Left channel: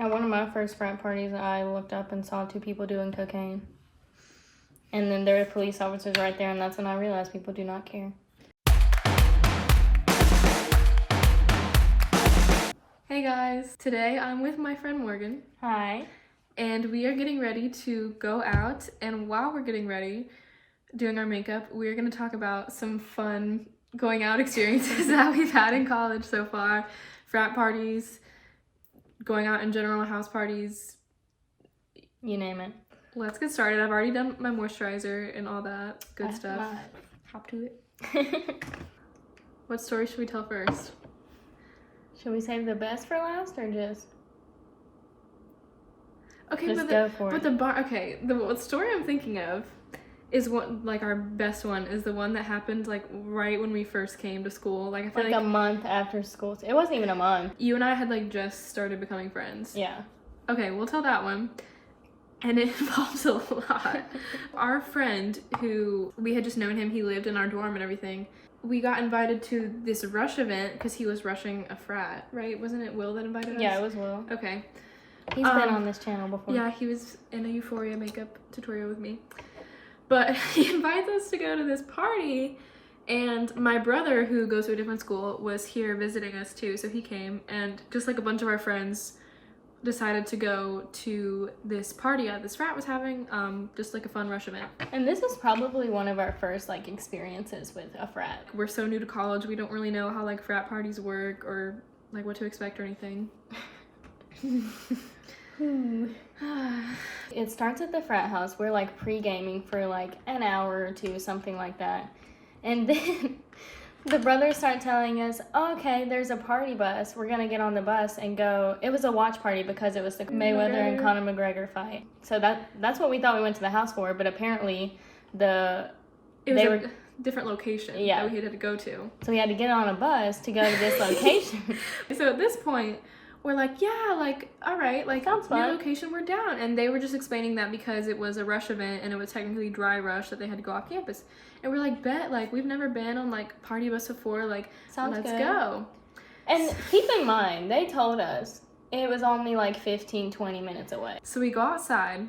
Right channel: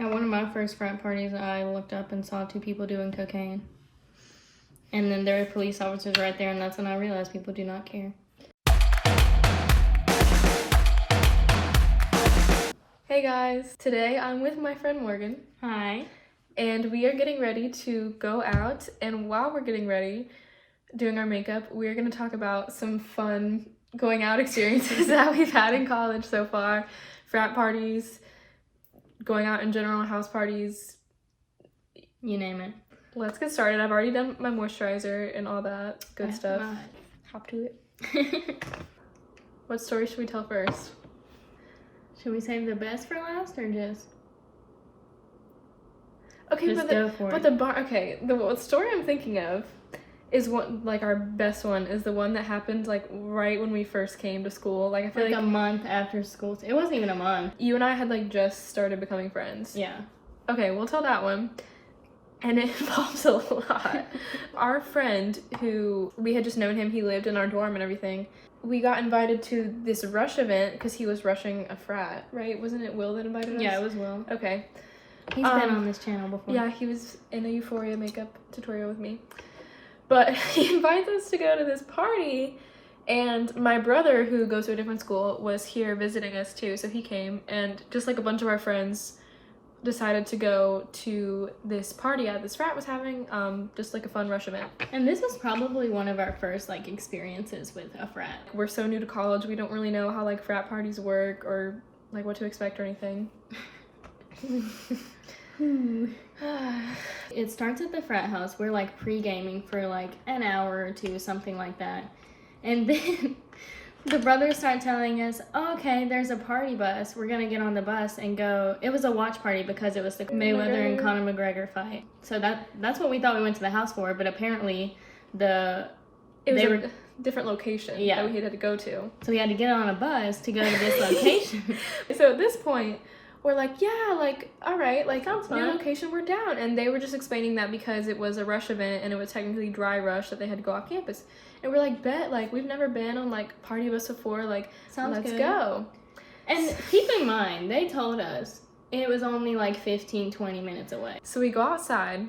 At one of my first frat parties, I looked up and saw 2 people doing cocaine. And then there were police officers right there, and that's when I realized people do not care. Hey guys, today I'm with my friend Morgan. Hi. And we are getting ready to go out, and while we're getting ready, doing our makeup, we're going to talk about some fun going out experiences that we've had in college so far. Frat parties, going out in general, house parties. You name it. Let's get started. I've already done my moisturizer and all that good stuff. Hop to it. What story should we tell first? Should we save the best for last or just? Okay, Just go for it. The story I'm thinking of is one, like, our best one is the one that happened like right when we first came to school. Like, I feel like a month after school. It wasn't even a month. You and I had like just started becoming friends. Yeah. Okay, we'll tell that one. And it involves a lot. Our friend, who we had just known him, he lived in our dorm and everything. We got invited to this rush event because he was rushing a frat, right? Wasn't it Will that invited us? Yeah, it was Will. Okay. He's been on this channel before. Yeah, he was in a Euphoria makeup tutorial with me. But he invites us to go to this party, and my brother, who goes to a different school, was here visiting us too, so he came, and just like a bunch of our friends decided to go to this party that this frat was having, just like a fun rush event. And this was probably one of our first like experiences with a frat. We're so new to college, we don't really know how like frat parties work or like what to expect or anything. It starts at the frat house. We're like pre-gaming for like an hour or two, something like that. And then the brothers start telling us, okay, there's a party bus. We're going to get on the bus and go. It was a watch party because it was the Mayweather and Conor McGregor fight. So that's what we thought we went to the house for, but apparently it was a different location that we had to go to. So we had to get on a bus to go to this location. So at this point, we're like, yeah, like, all right, like, sounds fun. New location, we're down. And they were just explaining that because it was a rush event and it was technically dry rush that they had to go off campus. And we're like, bet, like, we've never been on, like, party bus before, like, let's go. And keep in mind, they told us it was only, like, 15, 20 minutes away. So we go outside.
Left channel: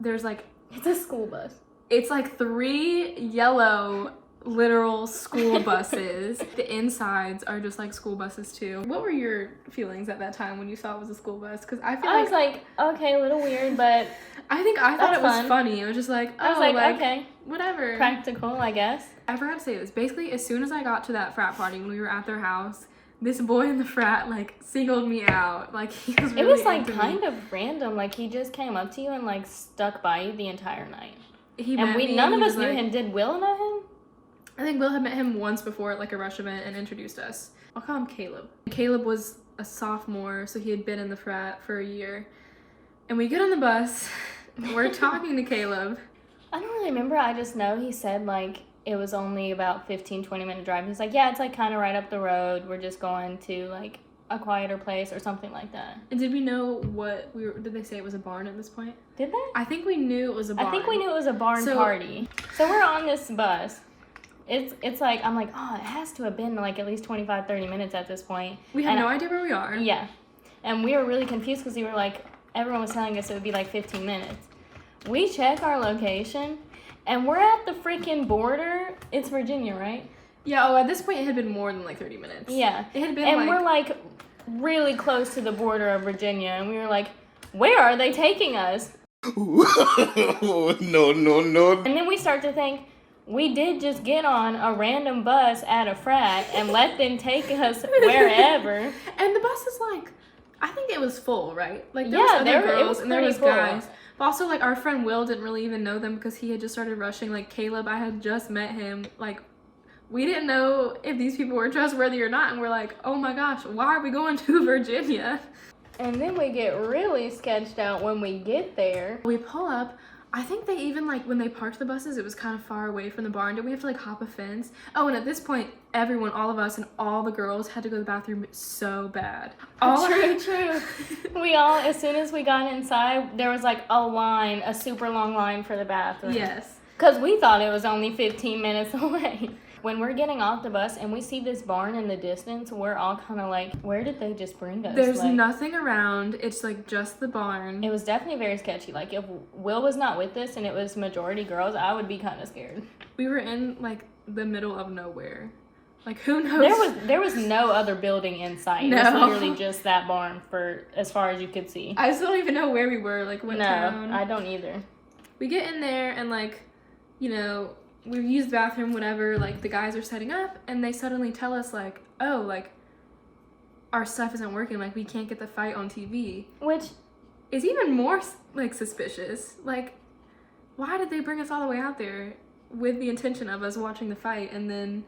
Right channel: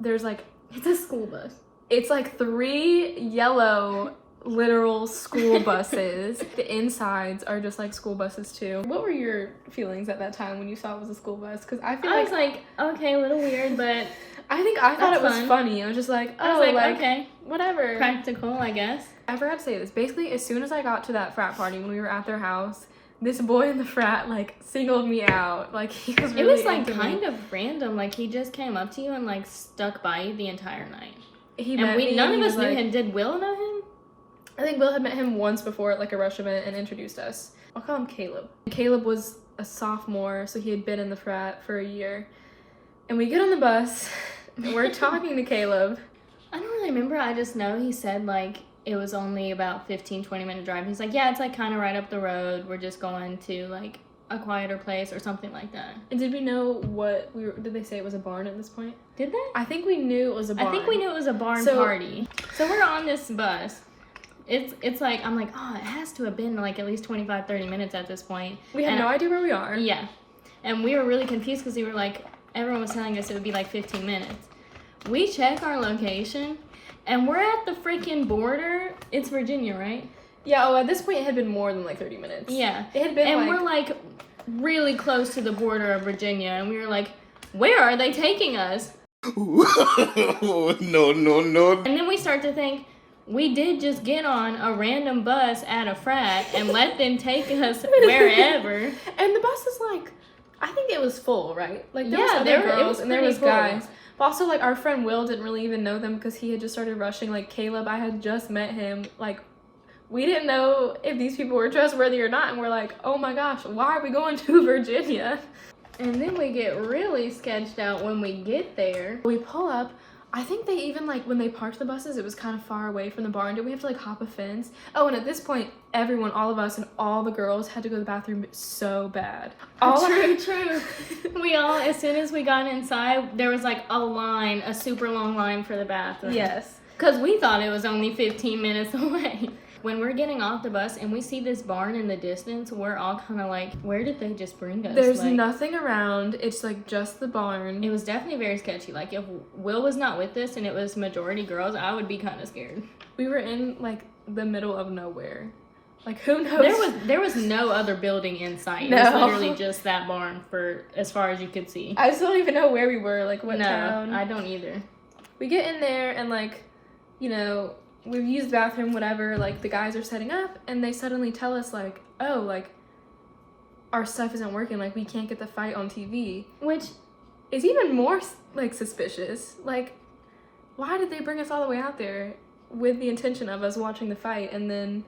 There's, like... It's a school bus. It's, like, 3 yellow... literal school buses. The insides are just like school buses too. What were your feelings at that time when you saw it was a school bus? Because I was like, okay, a little weird, but I thought it was funny. It was just like, I was like, okay, whatever, practical, I guess. I forgot to say this. Basically, as soon as I got to that frat party when we were at their house, this boy in the frat like singled me out. Like, he was really it was like into kind me. of random. Like, he just came up to you and like stuck by you the entire night. None of us knew him. Did Will know him? I think Will had met him once before at like a rush event and introduced us. I'll call him Caleb. Caleb was a sophomore, so he had been in the frat for a year. And we get on the bus, and we're talking to Caleb. I don't really remember. I just know he said like it was only about 15, 20 minute drive. He's like, yeah, it's like kind of right up the road. We're just going to like a quieter place or something like that. And did we know did they say it was a barn at this point? Did they? I think we knew it was a barn. I think we knew it was a barn party. So we're on this bus. It's like, I'm like, oh, it has to have been like at least 25, 30 minutes at this point. We had no idea where we are. Yeah. And we were really confused because we were like, everyone was telling us it would be like 15 minutes. We check our location and we're at the freaking border. It's Virginia, right? Yeah, at this point it had been more than like 30 minutes. Yeah. It had been and we're like really close to the border of Virginia and we were like, where are they taking us? No. And then we start to think, we did just get on a random bus at a frat and let them take us wherever. And the bus is like, I think it was full, right? Like, there was other girls and there was guys. But also, like, our friend Will didn't really even know them because he had just started rushing. Like, Caleb, I had just met him. Like, we didn't know if these people were trustworthy or not. And we're like, oh my gosh, why are we going to Virginia? And then we get really sketched out when we get there. We pull up. I think they even, like, when they parked the buses, it was kind of far away from the barn. Did we have to, like, hop a fence? Oh, and at this point, everyone, all of us and all the girls had to go to the bathroom so bad. True. We all, as soon as we got inside, there was, like, a super long line for the bathroom. Yes. Because we thought it was only 15 minutes away. when we're getting off the bus and we see this barn in the distance, we're all kind of like, where did they just bring us? There's like, nothing around. It's like just the barn. It was definitely very sketchy. Like, if Will was not with us and it was majority girls, I would be kind of scared. We were in like the middle of nowhere. Like, who knows? There was no other building in sight. No. It was literally just that barn for as far as you could see. I still don't even know where we were, like what town. No, I don't either. We get in there and like, you know, we've used the bathroom, whatever, like the guys are setting up and they suddenly tell us like, oh, like our stuff isn't working, like we can't get the fight on TV. Which is even more like suspicious. Like, why did they bring us all the way out there with the intention of us watching the fight? And then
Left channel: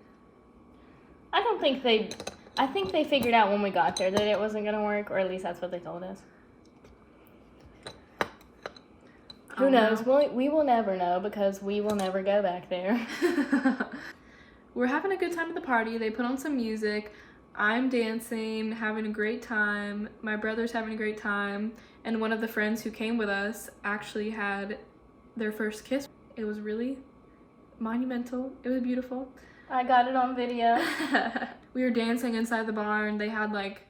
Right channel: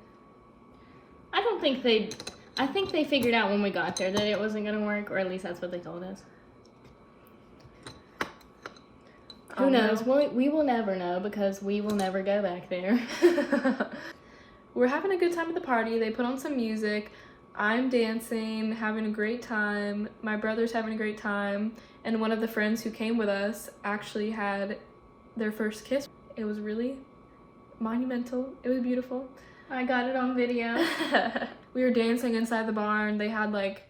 I think they figured out when we got there that it wasn't gonna work, or at least that's what they told us. Who knows? We will never know because we will never go back there. We're having a good time at the party. They put on some music. I'm dancing, having a great time. My brother's having a great time. And one of the friends who came with us actually had their first kiss. It was really monumental. It was beautiful. I got it on video. We were dancing inside the barn. They had like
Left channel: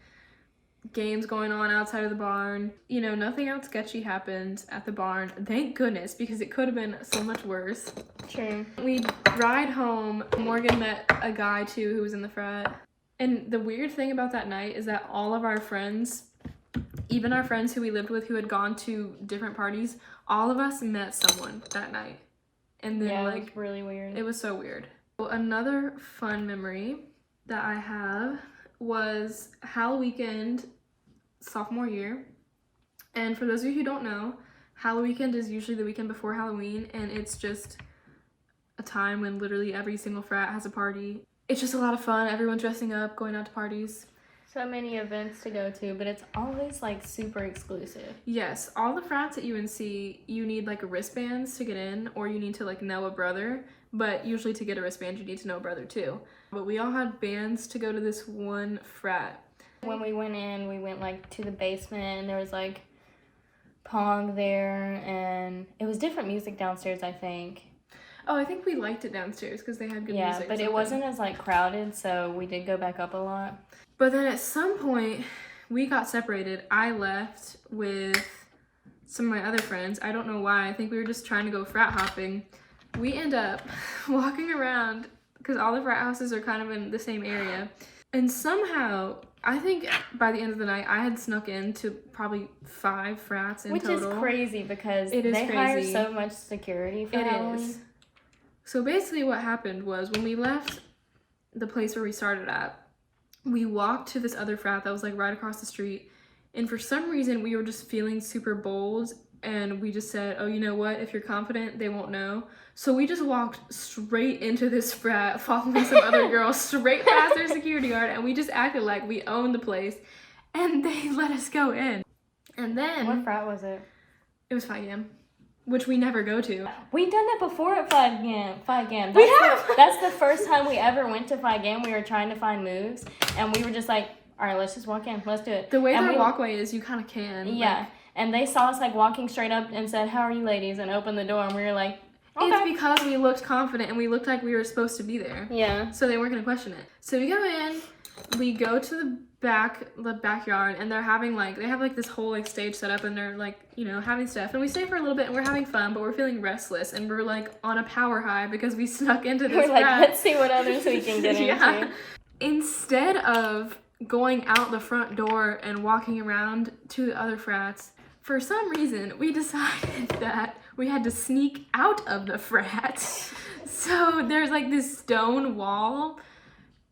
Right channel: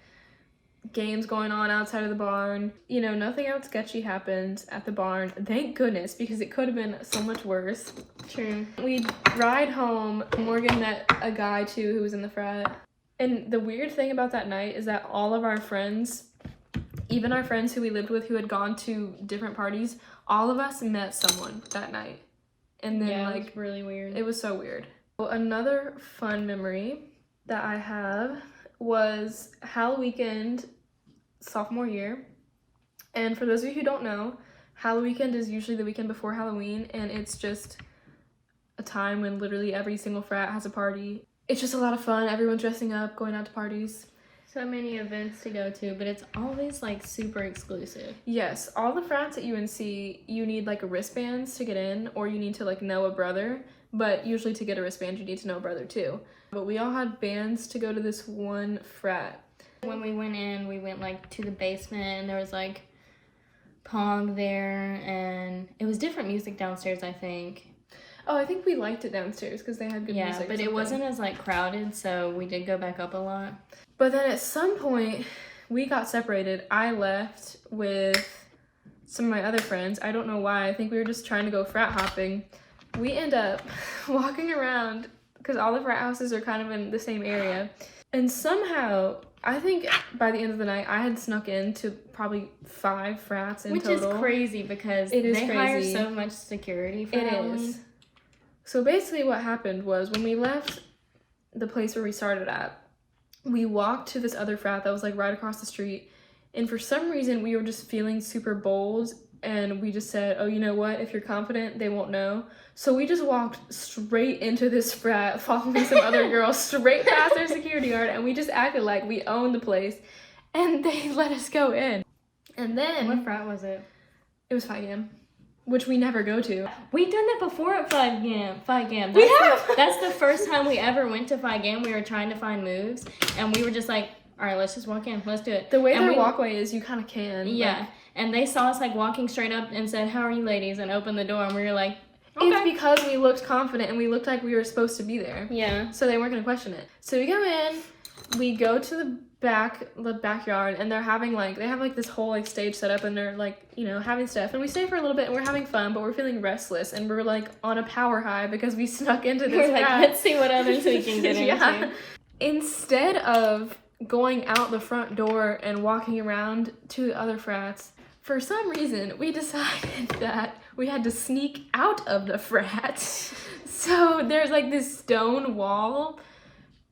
games going on outside of the barn. You know, nothing else sketchy happened at the barn. Thank goodness, because it could have been so much worse. True. We ride home. Morgan met a guy too who was in the frat. And the weird thing about that night is that all of our friends, even our friends who we lived with who had gone to different parties, all of us met someone that night. And then yeah, like, it was really weird. It was so weird. Well, another fun memory that I have was Hall Weekend sophomore year. And for those of you who don't know, Hall Weekend is usually the weekend before Halloween, and it's just a time when literally every single frat has a party. It's just a lot of fun. Everyone's dressing up, going out to parties. So many events to go to, but it's always like super exclusive. Yes, all the frats at UNC, you need like wristbands to get in, or you need to like know a brother. But usually to get a wristband, you need to know a brother too. But we all had bands to go to this one frat. When we went in, we went like to the basement and there was like Pong there, and it was different music downstairs, I think. Oh, I think we liked it downstairs because they had good music. Yeah, but it wasn't as like crowded, so we did go back up a lot. But then at some point, we got separated. I left with some of my other friends. I don't know why. I think we were just trying to go frat hopping. We end up walking around because all the frat houses are kind of in the same area. And somehow, I think by the end of the night, I had snuck into probably 5 frats in total. Which is crazy because it is they crazy. hire so much security for It Halloween. is. So basically what happened was when we left the place where we started at, we walked to this other frat that was like right across the street. And for some reason, we were just feeling super bold. And we just said, oh, you know what? If you're confident, they won't know. So we just walked straight into this frat, following some other girls, straight past their security guard. And we just acted like we owned the place. And they let us go in. And then... What frat was it? It was Phi Gam, which we never go to. We've done that before at Phi Gam. We have! That's the first time we ever went to Phi Gam. We were trying to find moves. And we were just like, all right, let's just walk in. Let's do it. The way and their walkway is, you kind of can. Yeah. Like, and they saw us like walking straight up and said, how are you ladies? And opened the door. And we were like, okay. It's because we looked confident and we looked like we were supposed to be there. Yeah. So they weren't going to question it. So we go in, we go to the backyard, and they're having like, they have like this whole like stage set up, and they're like, you know, having stuff. And we stay for a little bit and we're having fun, but we're feeling restless and we're like on a power high because we snuck into this We're like, frat. let's see what others we can get Yeah. into. Instead of going out the front door and walking around to the other frats, for some reason, we decided that we had to sneak out of the frat. So there's like this stone wall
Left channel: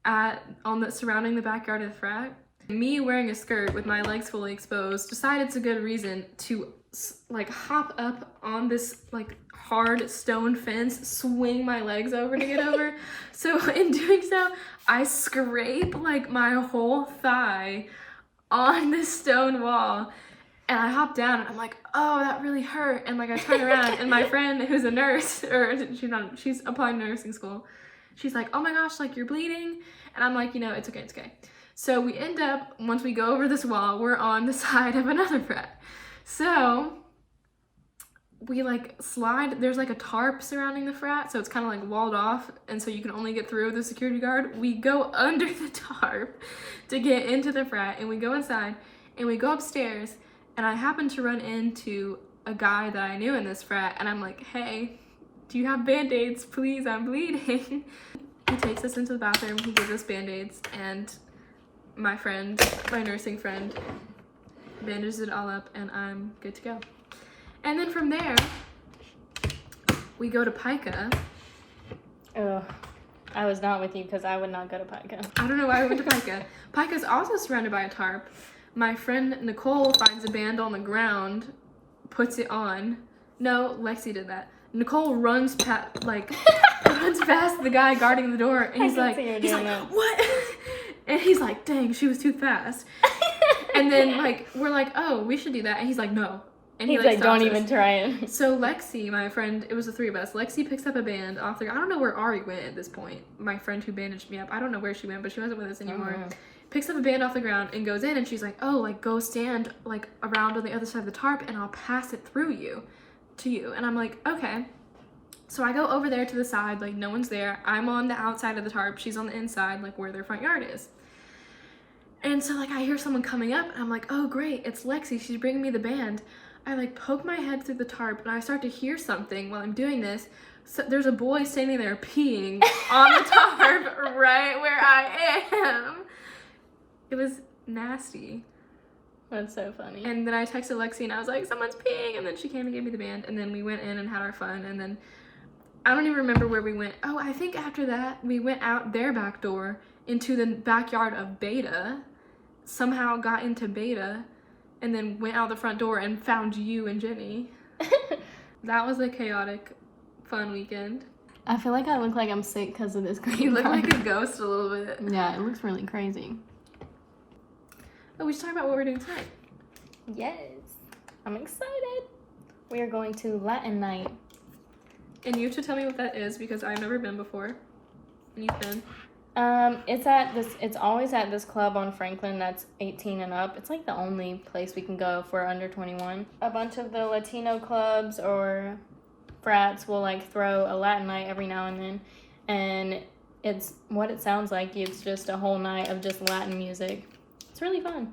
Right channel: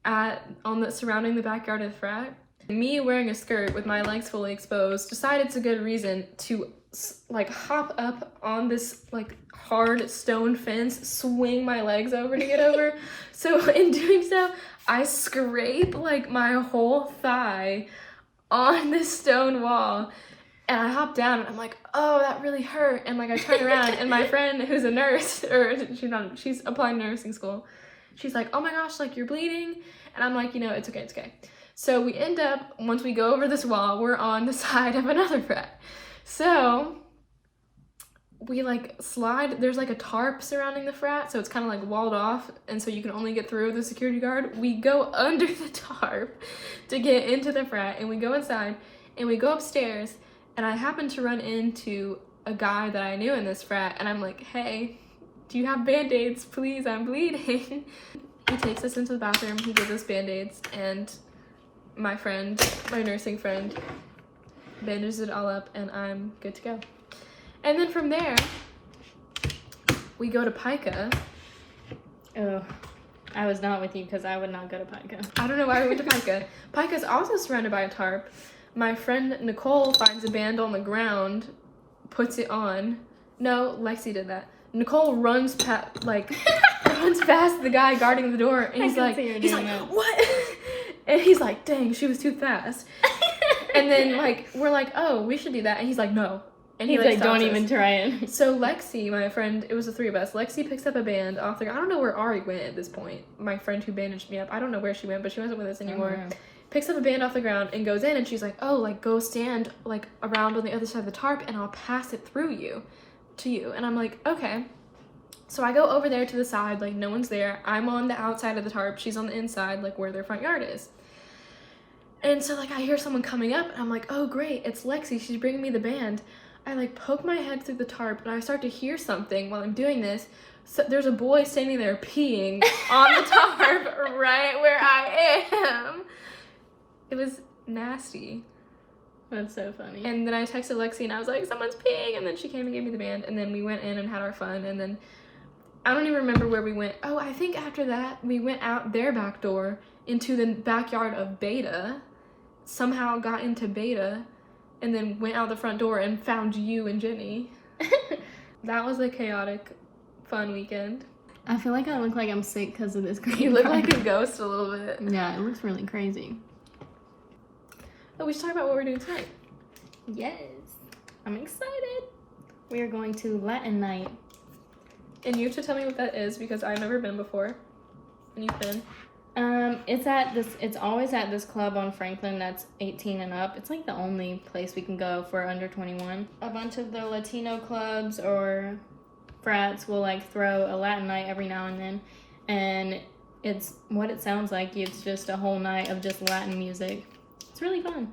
surrounding the backyard of the frat. Me wearing a skirt with my legs fully exposed decided it's a good reason to like hop up on this like hard stone fence, swing my legs over to get over. So in doing so, I scrape like my whole thigh on this stone wall. And I hop down and I'm like, oh, that really hurt. And like I turn around and my friend who's a nurse, or she's applying to nursing school. She's like, oh my gosh, like you're bleeding. And I'm like, you know, it's okay. So we end up, once we go over this wall, we're on the side of another frat. So we like slide, there's like a tarp surrounding the frat, so it's kind of like walled off, and so you can only get through with a security guard. We go under the tarp to get into the frat, and we go inside, and we go upstairs, and I happen to run into a guy that I knew in this frat, and I'm like, hey, do you have band-aids? Please, I'm bleeding. He takes us into the bathroom, he gives us band-aids, and my nursing friend, bandages it all up, and I'm good to go. And then from there, we go to Pica. Oh, I was not with you because I would not go to Pica. I don't know why we went to Pica. Pica's also surrounded by a tarp. My friend Nicole finds a band on the ground, puts it on. No, Lexi did that. Nicole runs past the guy guarding the door, and he's like, what? And he's like, dang, she was too fast. And then like we're like, oh, we should do that, and he's like, no. And he's like, don't even try it. So Lexi, my friend, it was the three of us. Lexi picks up a band off the. I don't know where Ari went at this point. My friend who bandaged me up. I don't know where she went, but she wasn't with us anymore. Oh, wow. Picks up a band off the ground and goes in, and she's like, oh, like go stand like around on the other side of the tarp, and I'll pass it through to you. And I'm like, okay. So I go over there to the side, like no one's there. I'm on the outside of the tarp. She's on the inside, like where their front yard is. And so like I hear someone coming up, and I'm like, oh great, it's Lexi. She's bringing me the band. I like poke my head through the tarp, and I start to hear something while I'm doing this. So there's a boy standing there peeing on the tarp right where I am. It was nasty. That's so funny. And then I texted Lexi, and I was like, someone's peeing, and then she came and gave me the band, and then we went in and had our fun, and then I don't even remember where we went. Oh, I think after that we went out their back door into the backyard of Beta, somehow got into Beta, and then went out the front door and found you and Jenny. That was a chaotic, fun weekend. I feel like I look like I'm sick because of this green You look party. like a ghost a little bit. Yeah, it looks really crazy. Oh, we should talk about what we're doing tonight. Yes, I'm excited. We are going to Latin night. And you should tell me what that is, because I've never been before. And you've been. It's always at this club on Franklin that's 18 and up. It's like the only place we can go if we're under 21. A bunch of the Latino clubs or frats will like throw a Latin night every now and then, and it's what it sounds like. It's just a whole night of just Latin music. It's really fun.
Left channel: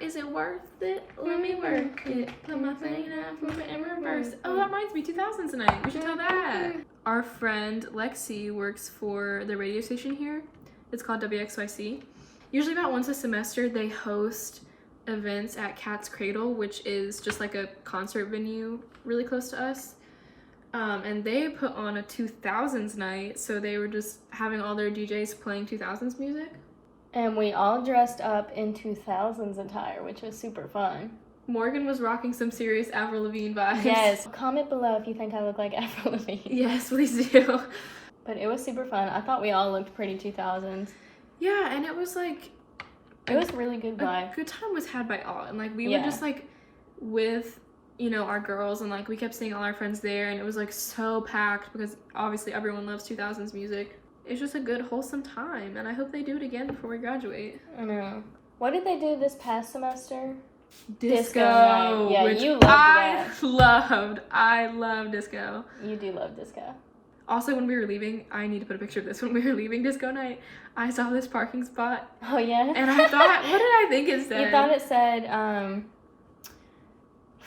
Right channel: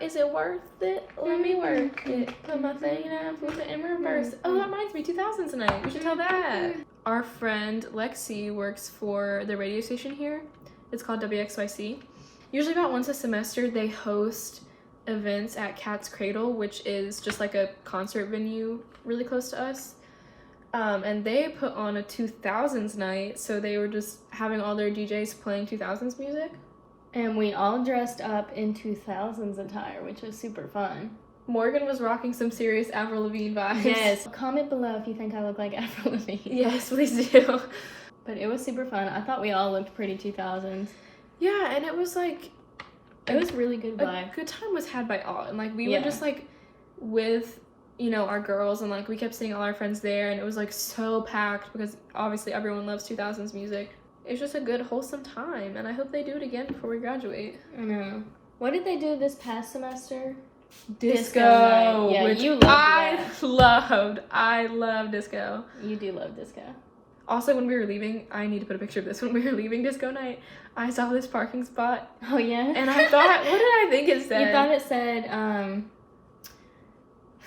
Is it worth it? Let me work it. Put my thing up, move it in reverse. Oh, that reminds me, 2000s night. We should tell that. Our friend Lexi works for the radio station here. It's called WXYC. Usually about once a semester, they host events at Cat's Cradle, which is just like a concert venue really close to us. And they put on a 2000s night, so they were just having all their DJs playing 2000s music. And we all dressed up in 2000s attire, which was super fun. Morgan was rocking some serious Avril Lavigne vibes. Yes. Comment below if you think I look like Avril Lavigne. Yes, please do. But it was super fun. I thought we all looked pretty 2000s. Yeah, and it was like... It was really good vibe. A good time was had by all. And like we were just like with, you know, our girls, and like we kept seeing all our friends there, and it was like so packed because obviously everyone loves 2000s music. It's just a good, wholesome time, and I hope they do it again before we graduate. I know. What did they do this past semester? Disco yeah, which you loved that. I love disco. You do love disco. Also, when we were leaving, I need to put a picture of this. When we were leaving disco night, I saw this parking spot. Oh, yeah? And I thought, what did I think it said? You thought it said,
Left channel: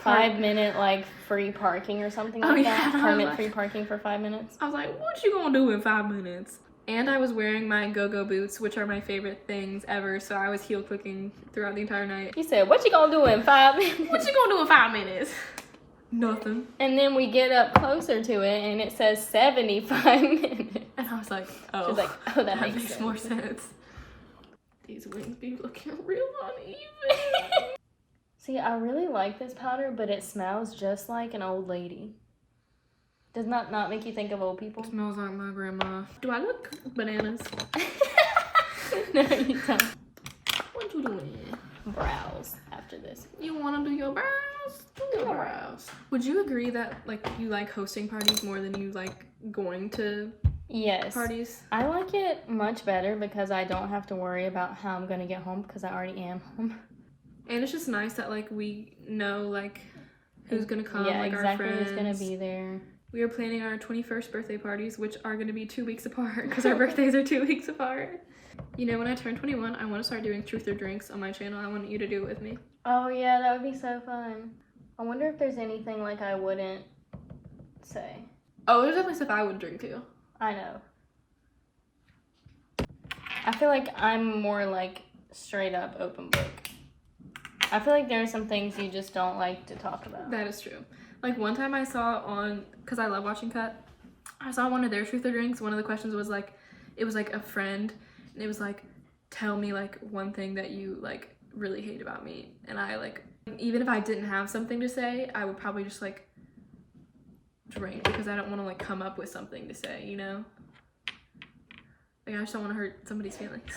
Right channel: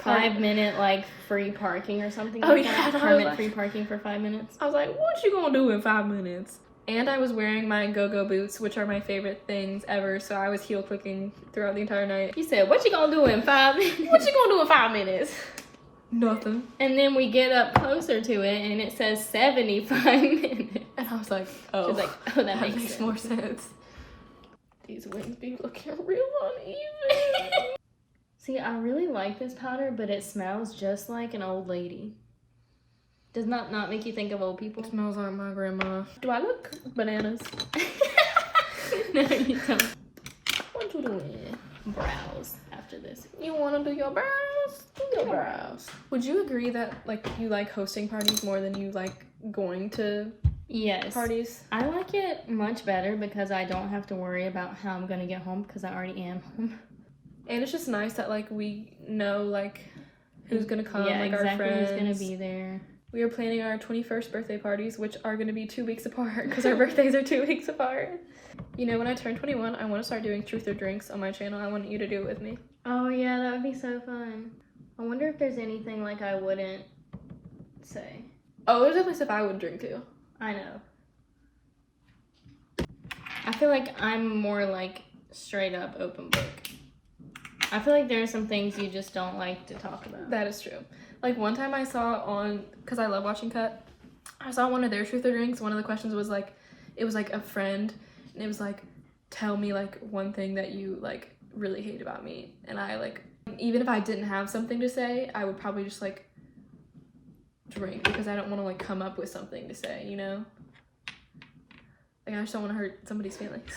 5-minute, like, free parking or something like that? Permit free parking for 5 minutes. I was like, what you gonna do in 5 minutes? And I was wearing my go-go boots, which are my favorite things ever, so I was heel clicking throughout the entire night. You said, what you gonna do in 5 minutes? What you gonna do in 5 minutes? Nothing. And then we get up closer to it, and it says 75 minutes. And I was like, oh, she's like, oh, that makes sense. More sense. These wings be looking real uneven. See, I really like this powder, but it smells just like an old lady. Does not make you think of old people? It smells like my grandma. Do I look bananas? No, you don't. What you doing? Brows after this. You want to do your brows? Do your brows. Would you agree that like you like hosting parties more than you like going to parties? I like it much better because I don't have to worry about how I'm gonna get home because I already am home. And it's just nice that like we know like who's gonna come, Yeah, like exactly our friends. who's gonna be there. We are planning our 21st birthday parties, which are gonna be 2 weeks apart because our birthdays are 2 weeks apart. You know, when I turn 21, I want to start doing truth or drinks on my channel. I want you to do it with me. Oh yeah, that would be so fun. I wonder if there's anything like I wouldn't say. Oh, there's definitely stuff I would drink too. I know. I feel like I'm more like straight up open book. I feel like there are some things you just don't like to talk about. That is true. Like one time I saw on, because I love watching Cut, I saw one of their truth or drinks. One of the questions was like, it was like a friend, and it was like, tell me like one thing that you like really hate about me. And I like, even if I didn't have something to say, I would probably just like drink because I don't want to like come up with something to say, you know? Like I just don't want to hurt somebody's feelings.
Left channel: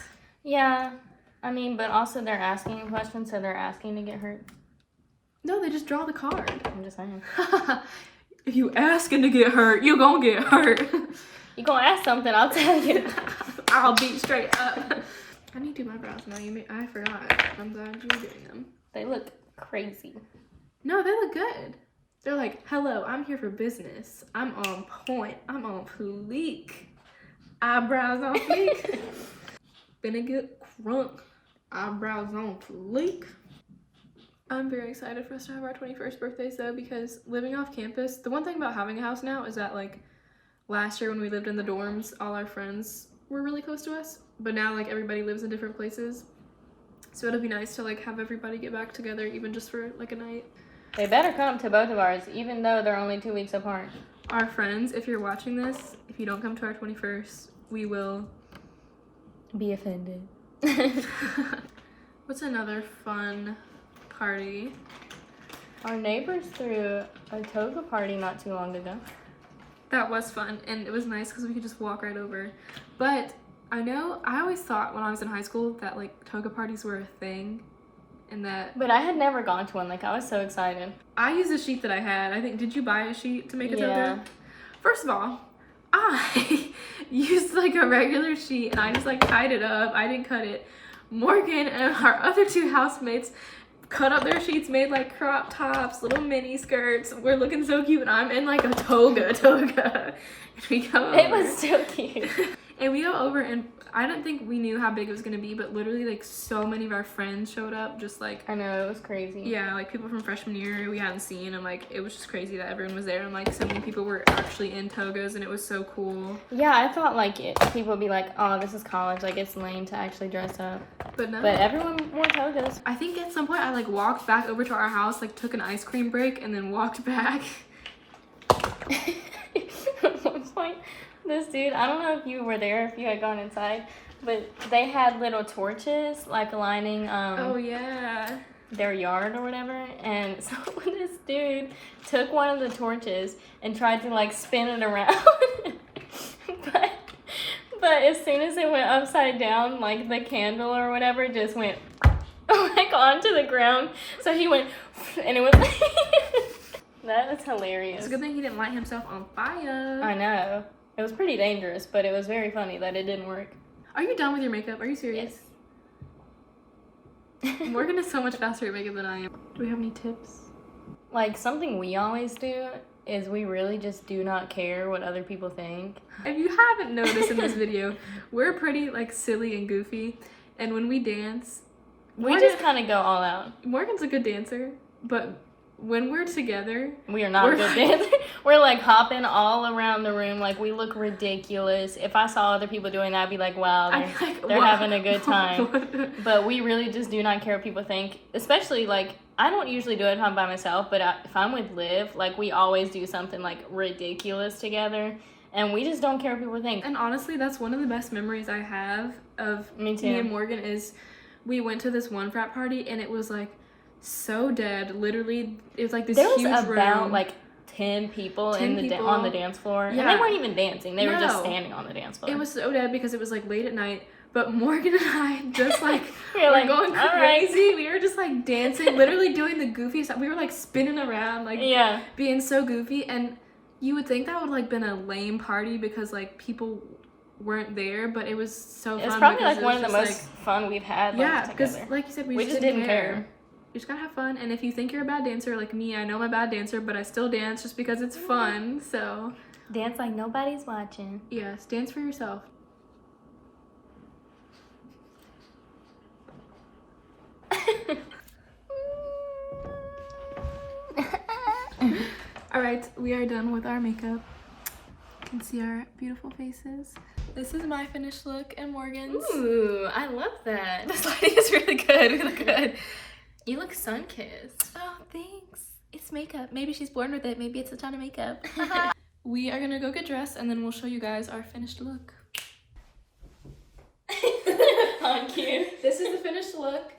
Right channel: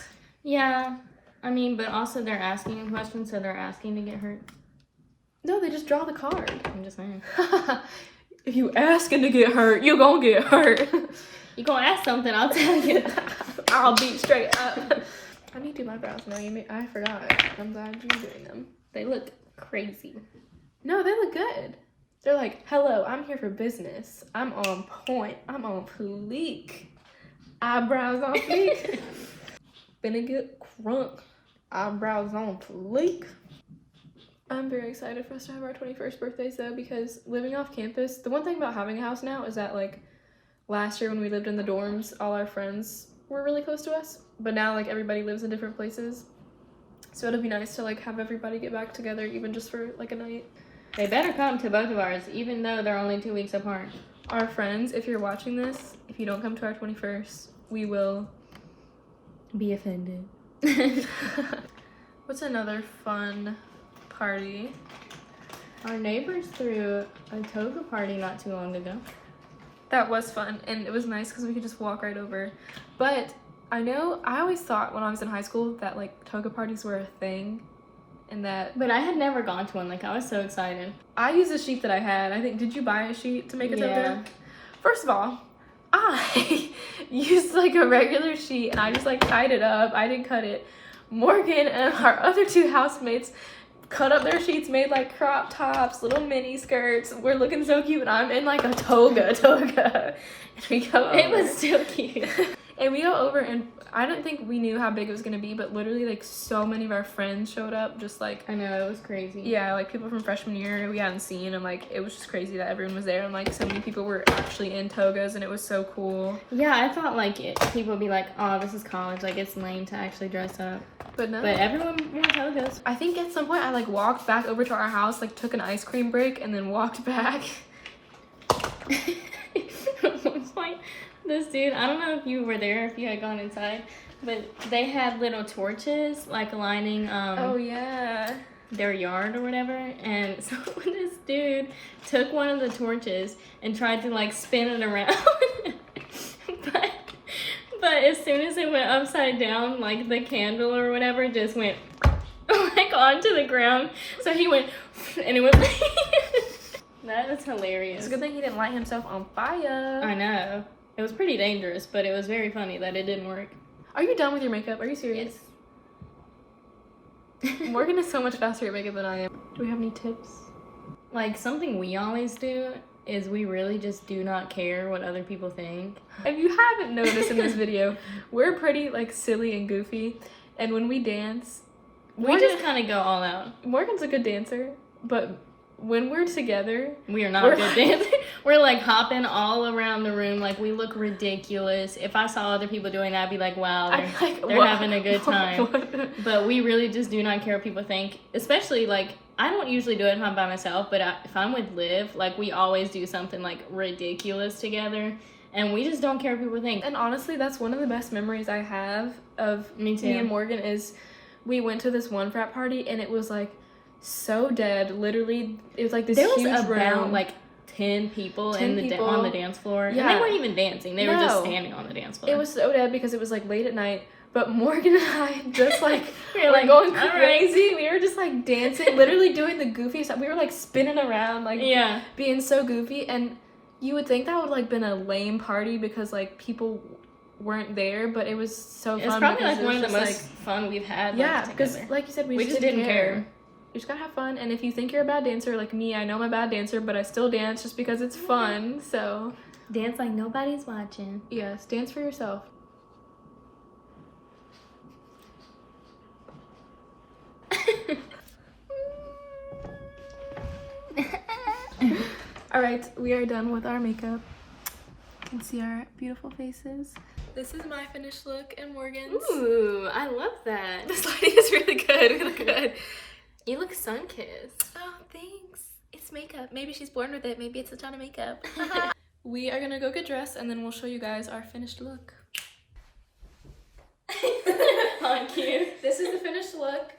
Yeah, I mean, but also they're asking questions, so they're asking to get hurt. No, they just draw the card. I'm just saying. If you asking to get hurt, you gonna get hurt. You gonna ask something, I'll tell you. I'll be straight up. I need to do my brows. No, I forgot. I'm glad you're doing them. They look crazy. No, they look good. They're like, hello, I'm here for business. I'm on point. I'm on fleek. Eyebrows on fleek. Finna get crunk. Eyebrows on fleek. I'm very excited for us to have our 21st birthdays though, because living off campus, the one thing about having a house now is that like last year when we lived in the dorms, all our friends were really close to us, but now like everybody lives in different places. So it'll be nice to like have everybody get back together even just for like a night. They better come to both of ours, even though they're only 2 weeks apart. Our friends, if you're watching this, if you don't come to our 21st, we will be offended. What's another fun party? Our neighbors threw a toga party not too long ago. That was fun, and it was nice because we could just walk right over. But I always thought when I was in high school that like toga parties were a thing, and that. But I had never gone to one. Like I was so excited. I used a sheet that I had. I think, did you buy a sheet to make a toga? Yeah. First of all, I used like a regular sheet and I just like tied it up. I didn't cut it. Morgan and our other two housemates cut up their sheets, made like crop tops, little mini skirts. We're looking so cute, and I'm in like a toga. And we go over. It was so cute. And we go over, and I don't think we knew how big it was gonna be, but literally like so many of our friends showed up, just like. I know, it was crazy. Yeah, like people from freshman year we hadn't seen, and like it was just crazy that everyone was there, and like so many people were actually in togas, and it was so cool. Yeah, I thought like people would be like, oh, this is college, like it's lame to actually dress up. But no. But everyone wore togas. I think at some point I like walked back over to our house, like took an ice cream break, and then walked back. At one point, this dude, I don't know if you were there, if you had gone inside, but they had little torches like lining Oh yeah. their yard or whatever, and so this dude took one of the torches and tried to like spin it around. But as soon as it went upside down, like the candle or whatever just went like onto the ground. So he went and it went That is hilarious. It's a good thing he didn't light himself on fire. I know. It was pretty dangerous, but it was very funny that it didn't work. Are you done with your makeup? Are you serious? Yes. Morgan is so much faster at makeup than I am. Do we have any tips? Like something we always do is we really just do not care what other people think. If you haven't noticed in this video, we're pretty like silly and goofy, and when we dance, We just kind of go all out. Morgan's a good dancer, but when we're together, We are not good dancers. We're like hopping all around the room, like we look ridiculous. If I saw other people doing that, I'd be like, wow, they're having a good time. But we really just do not care what people think. Especially like, I don't usually do it if I'm by myself, but if I'm with Liv, like we always do something like ridiculous together. And we just don't care what people think. And honestly, that's one of the best memories I have of Me too. me and Morgan is we went to this one frat party and it was like so dead. Literally, it was like this There was huge about room. like 10 people 10 on the dance floor. Yeah. And they weren't even dancing. They were just No. standing on the dance floor. It was so dead because it was like late at night. But Morgan and I just like We were were like, going "All right." crazy. We were just like dancing, literally doing the goofy stuff. We were like spinning around, like Yeah. being so goofy. And you would think that would like been a lame party because like people weren't there, but it was so fun. It was probably because like one of the was most just, fun we've had. yeah, like, because together. like you said, we We just just didn't didn't care. care. We just gotta have fun. And if you think you're a bad dancer, like me, I know I'm a bad dancer, but I still dance just because it's fun. So dance like nobody's watching. yes, dance for yourself. All right, we are done with our makeup. You can see our beautiful faces. This is my finished look and Morgan's. Ooh, I love that. This lighting is really good. We look good. You look sun-kissed. Oh, thanks. It's makeup. Maybe she's born with it. Maybe it's a ton of makeup. We are gonna go get dressed and then we'll show you guys our finished look. Thank you. This is the finished look.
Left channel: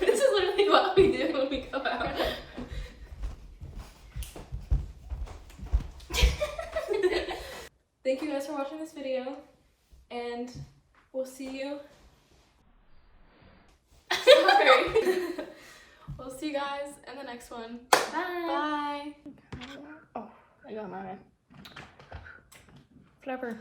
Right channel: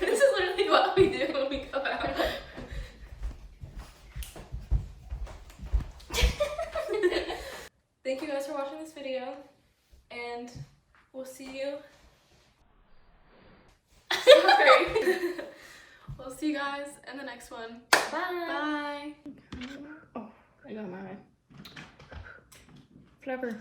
This is literally what we do when we go out. Thank you guys for watching this video, and we'll see you. Sorry. We'll see you guys in the next one. Bye. Bye. Oh, I got mine. Flipper.